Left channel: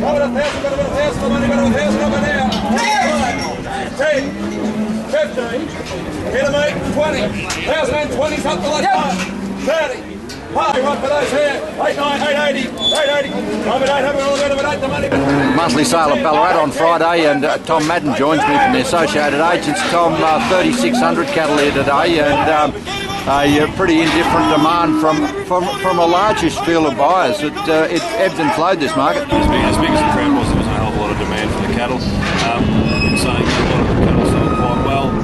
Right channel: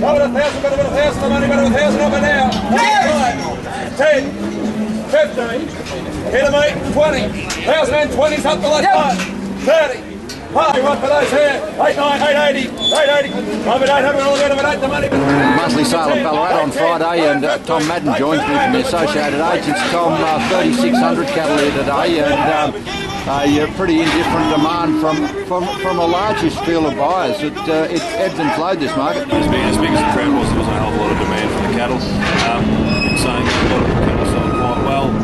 Over 1,000, got a bit of 1,000, the money, got a 1,000 over now. 10, 15, hit him 8, 20, 1,020's up the last 30. Party right for those here. 8, 9, 880, 880. I'm at 800, all out of it, 8 the money. Monthly sale at Ballarat on Friday, and Tom Madden joins me from the Associated Agents. Tom, 3,600 cattle here today, and a pretty indifferent demand from a largish field of buyers. It ebbs and flowed, this market. As big as the crowd was, there wasn't a hell of a lot of demand for the cattle. In saying that, a lot of the cattle sold quite well,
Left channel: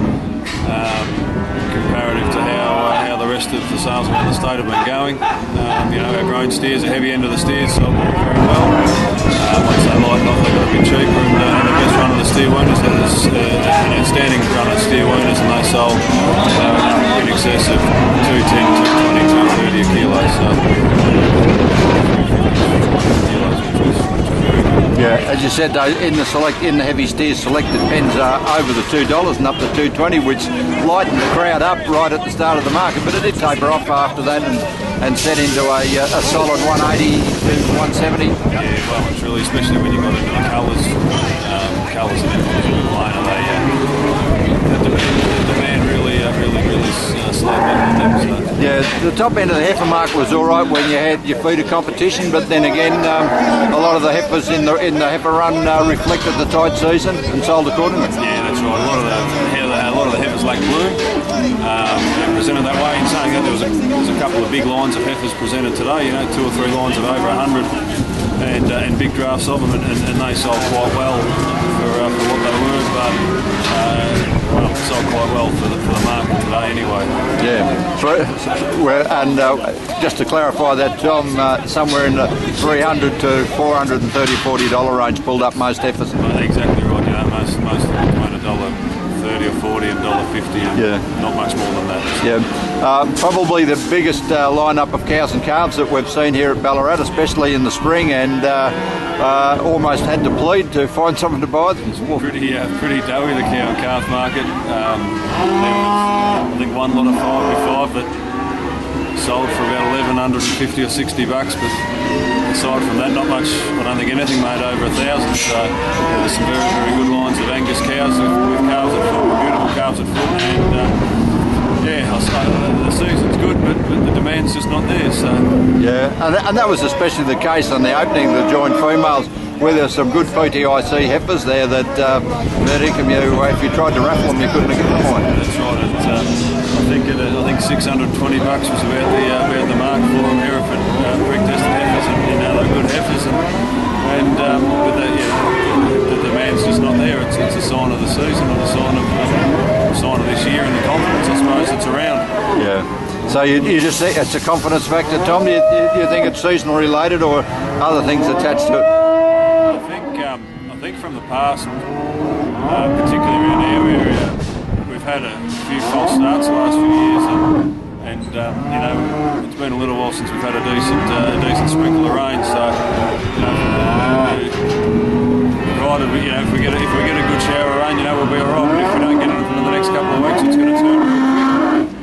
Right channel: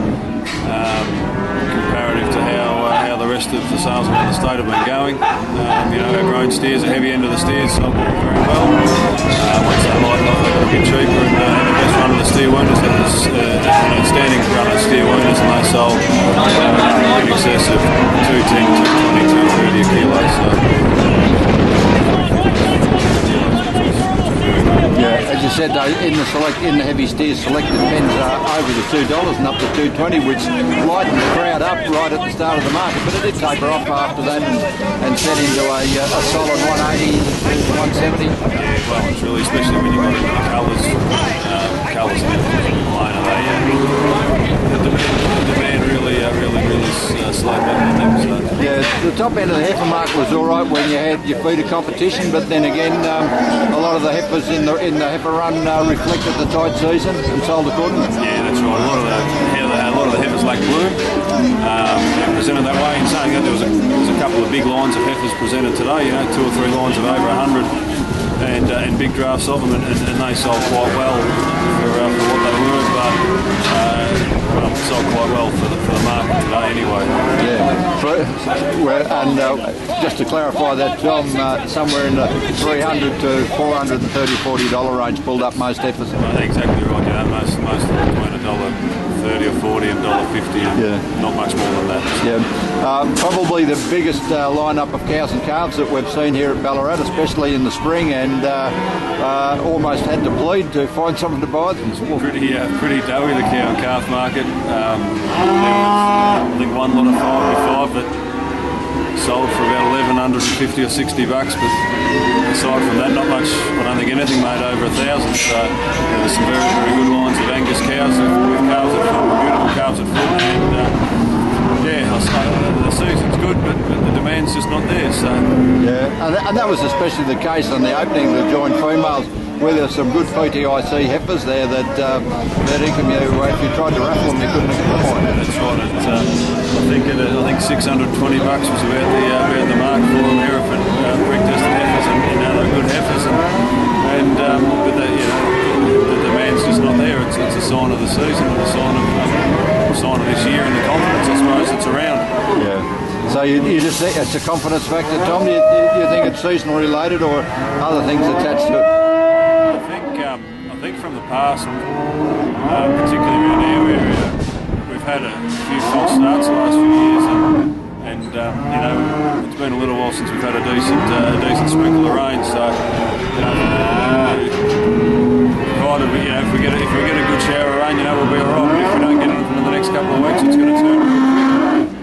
comparative to how the rest of the sales around the state have been going. Our grown steers, the heavy end of the steers, sold very well. Once they lighten off, they got a bit cheaper, and the best run of the steer wounders, that was an outstanding run of steer wounders, and they sold in excess of 210, 220, 230 a kilo. So 350 kilos, which was very good. Yeah, as you said though, in the heavy steers, selected pens are over the $2 and up to $2.20, which lightened the crowd up right at the start of the market, but it did taper off after that and set into a solid 180 to 170. Yeah, well, it's really, especially when you got into the colours and everything line of the demand really slowed back on them. Yeah, the top end of the heifer market was all right when you had your feeder competition, but then again, a lot of the heifers in the heifer run reflected the tight season and sold accordingly. Yeah, that's right. A lot of the heifers like bloom presented that way. In saying that, there was a couple of big lines of heifers presented today. 2 or 3 lines of over 100, and big drafts of them, and they sold quite well for what they were, but sold quite well for the market today anyway. Yeah, and just to clarify that, Tom, somewhere in the $300 to $430, $40 range pulled up most heifers. Exactly right. Most of them between $1.30 or $40 and $1.50, and not much more than that. Yeah, probably the biggest lineup of cows and calves that we've seen here at Ballarat, especially in the spring, and almost had to plead to find something to buy. It's pretty doughy, the cow and calf market. There was, I think, one lot of 5 that sold for about 1,150 or $60, but aside from that, not much. I don't think anything made over 1,000. So there's some very, very good lines of Angus cows with calves at foot, beautiful calves at foot, and the season's good, but the demand's just not there. So yeah, and that was especially the case on the opening, the joint females, where there's some good PTIC heifers there that if you tried to raffle them, you couldn't have given them away. That's right. I think $620 was about the mark for them here for pre-tested heifers, and they're good heifers, but the demand's just not there. It's a sign of the season, and a sign of this year, and the confidence, I suppose, that's around. Yeah. So you just think it's a confidence factor, Tom? Do you think it's seasonal related, or other things attached to it? I think from the past, particularly around our area, we've had a few false starts the last few years, and it's been a little while since we've had a decent sprinkle of rain. So provided if we get a good shower of rain, we'll be all right. But if we don't get anything in the next couple of weeks, it's going to turn.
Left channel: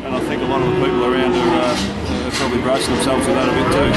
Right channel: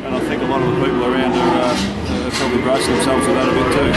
And I think a lot of the people around are probably bracing themselves for that a bit too.